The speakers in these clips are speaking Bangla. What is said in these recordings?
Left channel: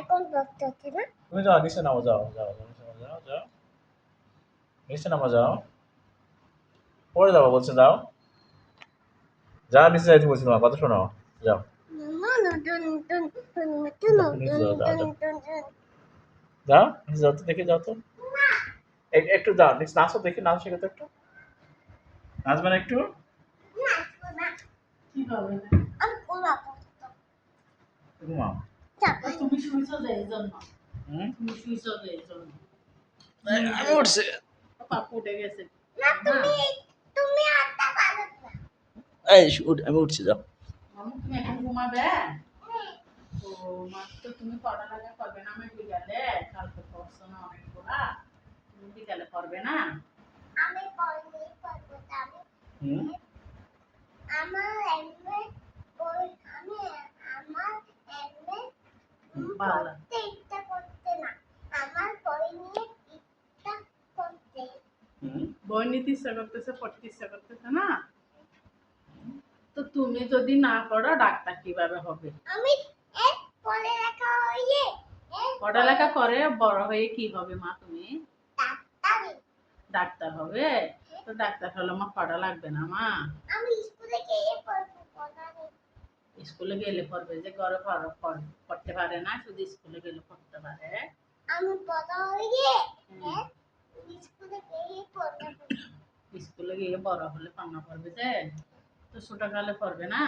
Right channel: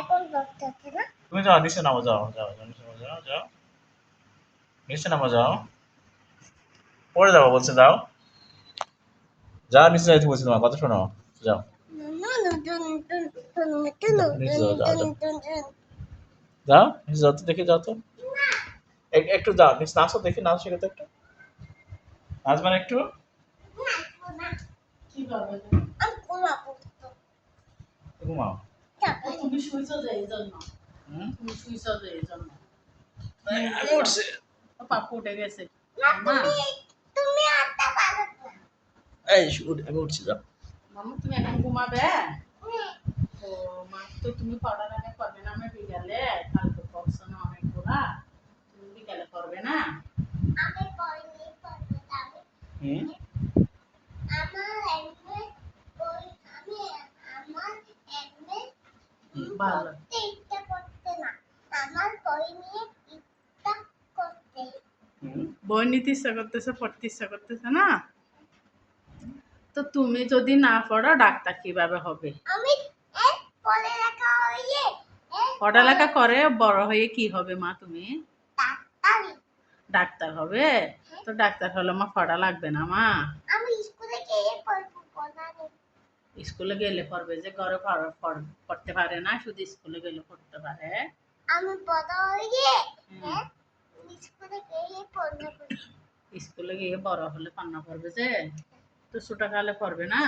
এখন করতেছি না। তুমি যাও, নিচে নামো, যাও যাও যাও, নিচে নামো, যাও যাও, নিচে নামো, যাও, পড়ে যাবো বলছে, যাও যাও, নিচে যাইতে বলছি, তোমার কথা শোনো, যাও নিচে যাও, যাও যাও, যাও নিচে যাও তো, দেখি যাও তো, একটু যাও নিচে, নাচো দেখি, নাচ শেখো তো একটু, নাচবে না একটু? ঘুমাও। তুমি শুইছো যে এই জন্য, হুম, তুমি শুইছো যে এই জন্য আমি উঠছি। পাপ্পু উঠে গেছে। তুমি আটটা পারো না। এই আমি উঠছি, যাও। মামু তুমি এখন ঘুমাবে? ও তো তুমি পড়ার আগে করবে না? আমি বিকালে কালকে পড়ছো না অনেকগুলা, তুমি বিকালে করবে না? আমি পড়িনি, পড়বো না। হুম, আমার এমএ বই, আমার এমএ ভালো। পড়তে ইচ্ছা করতে না, আমার বই নিয়ে ইচ্ছা করতে। বই নিতে ইচ্ছা করতেছে, পড়তে ইচ্ছা করতেছে না? তো তুমি যদি না পড়ো ডাক্তার কিভাবে হবে? আমি পড়ে রাখা হইয়ে পড়ালেখা করে বড় হয়ে কি হবে মা তুমি? ডাক্তারি। ডাক্তার হবে? তো ডাক্তার হলে মা পড়া লাগবে না মা? আমি স্কুলে গিয়ে পড়বো, পড়া নেই। স্কুলে গেলে পড়বে যে, ঘরে পড়তে পারে না, শুধু স্কুলে গেলে পড়তে পারে? আমি বড় হইয়ে স্কুলে গিয়ে পড়বো। স্কুলে গিয়ে বড় হলে পান্না পড়বে যে, তো ছোটকালে পড়বে না?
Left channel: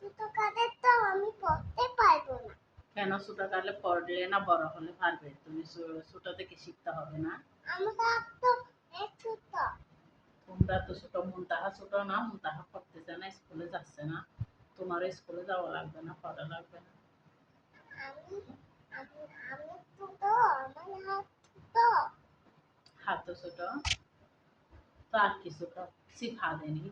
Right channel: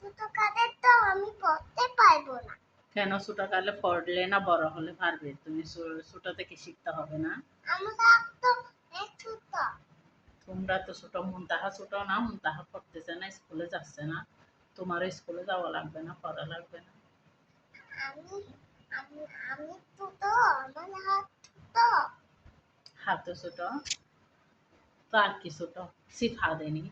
ছোট কাজে তো আমি পড়তে পারবো না। কেন ছোটকালে পড়লে না বড় হলে পারবে? তুমি ছোট থেকে শিখতে হবে না? আমরা তো ছোট। তোমরা তো ছোট, মুনতাহা ছোট না, মুনতাহা পড়তেছে না, স্কুলে যাচ্ছে না, তোমার স্কুলে যাওয়া লাগবে না, পড়া লাগবে না। আমি আমি আমি ছোট, আমার হাত ছোট। হাত ছোট, তো আর কি ছোট? শিখা দেয়নি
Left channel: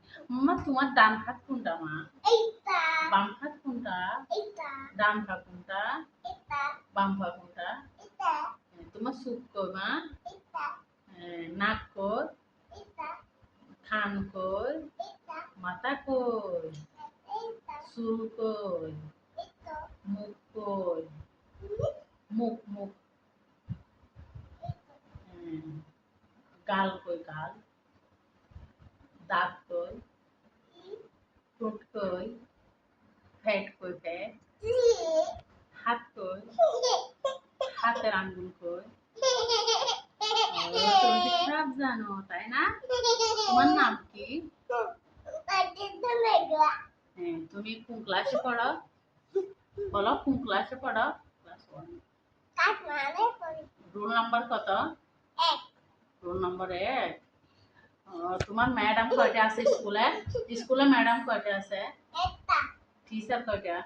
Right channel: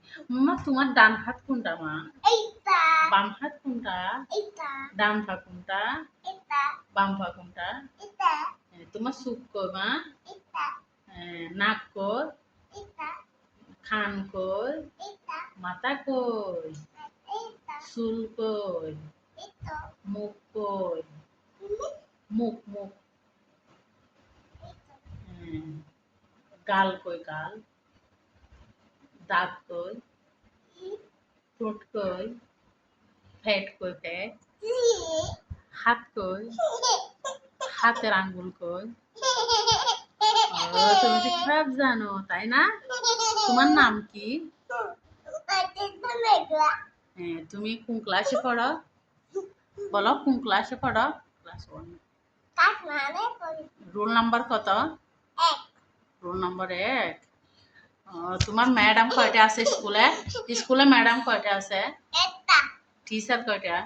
মা? তোমার ডান হাত কোনটা মা? এইটা, বাম হাত কোনটা? এইটা, ডান পা কোনটা? এটা, বাম পা কোনটা? এটা, তোমার চোখ কই মা? এটা, নাক কই? এটা, কান কই? এটা, মাথা কই? এটা, চুল কই? এটা, মুখ কই? এটা, মুখ মুখ, গাল কই? গাল, দাঁত কই? ঠোঁট কই? পেট কই? পেট, হাত কই? হাতের আঙ্গুল কই? ও, তুমি তো সব জানো তাই না? তোমার নাম কি? তুমি কোন ক্লাসে পড়ো? বলো কোন ক্লাসে পড়ো? ক্লাস 1। রোল নাম্বার কত? Roll number 1। তোমার ম্যাডাম কয়টা আছে স্কুলে? স্কুলে ম্যাডাম কয়টা আছে? টিচার কয়টা?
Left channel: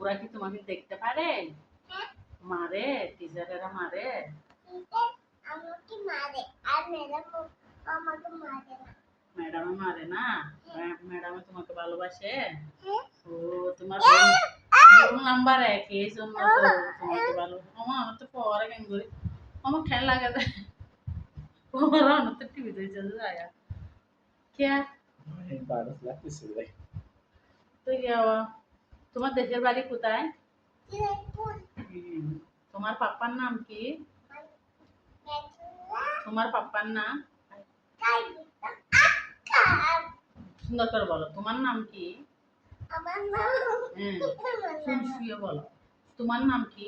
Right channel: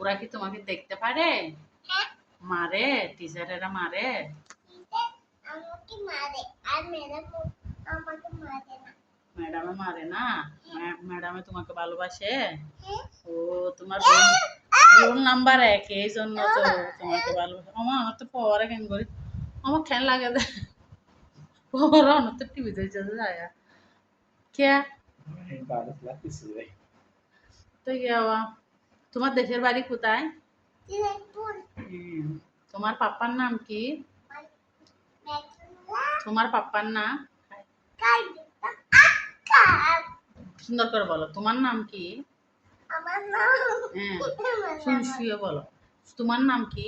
ওরা কি তোমাকে দেখতে পারে? মারে? টিচারেরা মারে? আমাকে মারে, আর আমাকে মারে না। ম্যাডামে মারে না? ম্যাডামে তোমাকে ভালোবাসে? ও, তোমার রোল নাম্বার 1, এই জন্য তো তোমাকে ভালোবাসে। আমার তো পরে কেন করি, আমার খেয়াল লাগে যে পরে আমার তো টিভি দেখতে যায় কে। তো তোমার দেশের বাড়ি কোথায়? তোমার পাপ্পার নাম কি? তোমার পাপ্পার নাম সুন্দর করে বলো, তোমার নাম কি? আমার নাম হ্যাঁ, শুয়ে বলো, তোমার নাম কি?